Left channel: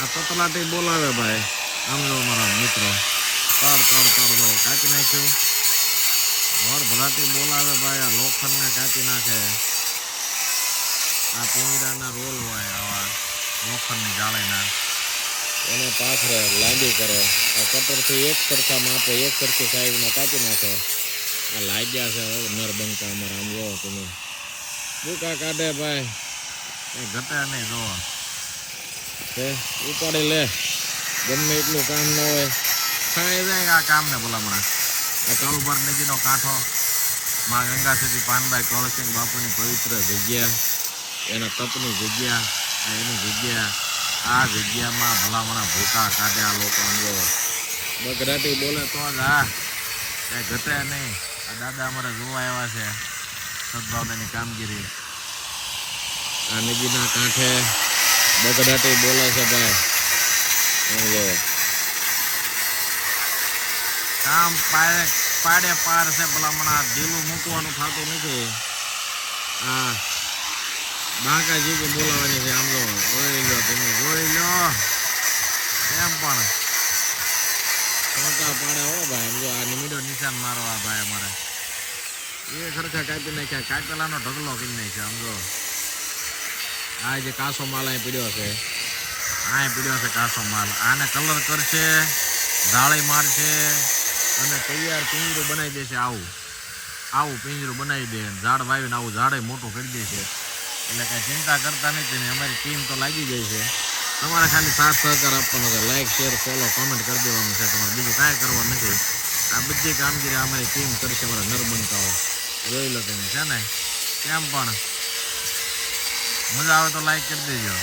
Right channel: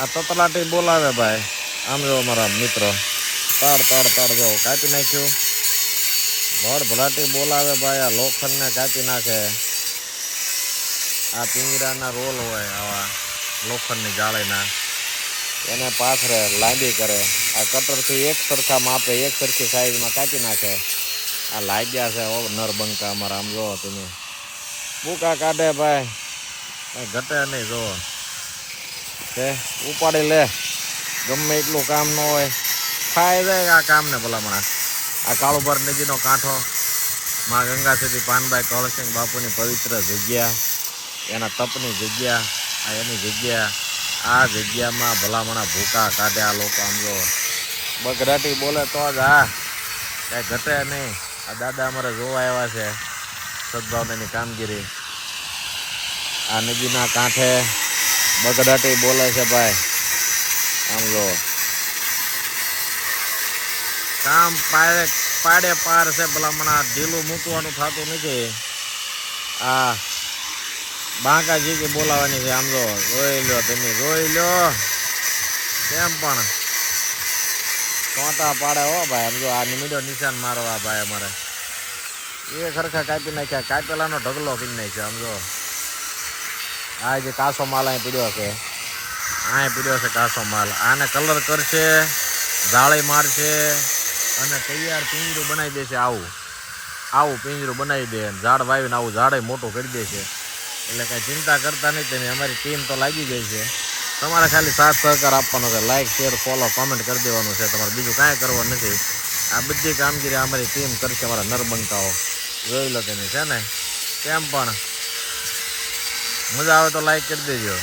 આ તતલાટી બોલાવે ભાઈ. આમ જો અમારા મિત્ર તાડ તાડ તાડ જો કાપી નાખ્યું. ભલાટી બોલાવે ભાઈ. આ લોખંડને કાપી નાખે. આ પિંજરાના રોલ હોય આવા લોખંડની જાળીના, એને પાથરે લાંબી કરે. આ કટરથી એક સરખા માપે એક સરખી સાઈઝમાં કાપી નાખે. આ લાગ્યા છે નરબંકા અમારા. આમ જોવો તમે બુકા કાઢે ભાઈ, ઘટે નહીં. જોવો તે ઉપાડી લે. ગમે એટલું કામ ન હોય ખાઈ જાય આ કામને ભલામણ. આ કાળુભર નદીનો કાંઠો, માં ગંગા સુધી પાનભાઈ કળસિંહ બાપુની પવિત્ર જગ્યા, એના તપની જગ્યા, આ એની જગ્યા. આ જગ્યામાં ભલામણા ભૂકા કાઢે આ લોકો. સમજો બગરાટી બોલે તો જ આ કાંઈ ઘટે નહીં. આ દાદા અમારે જોવા આવ્યા છે સદભાવનાની કામગીરી. આ નદીના કાંઠે બગડાટી બોલે છે ભાઈ. સમજો કામ પાડે પાર છે ભલામણા. ઢીલું મૂકવાનું થતું નથી. આ બાંકાજી કે બોલાવાની છે. આમ જો જોઈ લો તમે, જોઈ લો કેમ પણ ટોટા પાડે હો ભાઈ. આમ જો આ મીડો નિશાન મારવા ભાઈ અમારે એ ખરખા કાપી નાખ્યા. કાપેલાનો ઢગલો કરી નાખ્યો. આમ જો આ જે કાસો માલ અહીં પીડ્યો છે, અહીં પીડ્યો છે કાસો માલ. આને કલર કરશે, જાળી મારશે અને તૈયાર પિંજરું બનાવી દેશે. આવું પિંજરું બનાવી દે. ઝાડ વાવીને આવું ઝાડે મોટું કરી દેશે. એટલે કાંઈ ચિંતા કરતા નહીં તમે. અમારી ટીમ તો લાગી જાય છે. તમારે ખાલી સાથ સહકાર આપવાનો છે. લાઈક શેર ફોલો કમેન્ટ કરી દેવાનું છે. તમારે બીજું કાંઈ કરવાનું નથી. આ બધી કામગીરી અમારી ટીમ કરશે. અમારા નરબંકાઓ જોઈ લો તમે છે ને. કેમ પણ મજા આવે તો લાઈક કરી દેજો.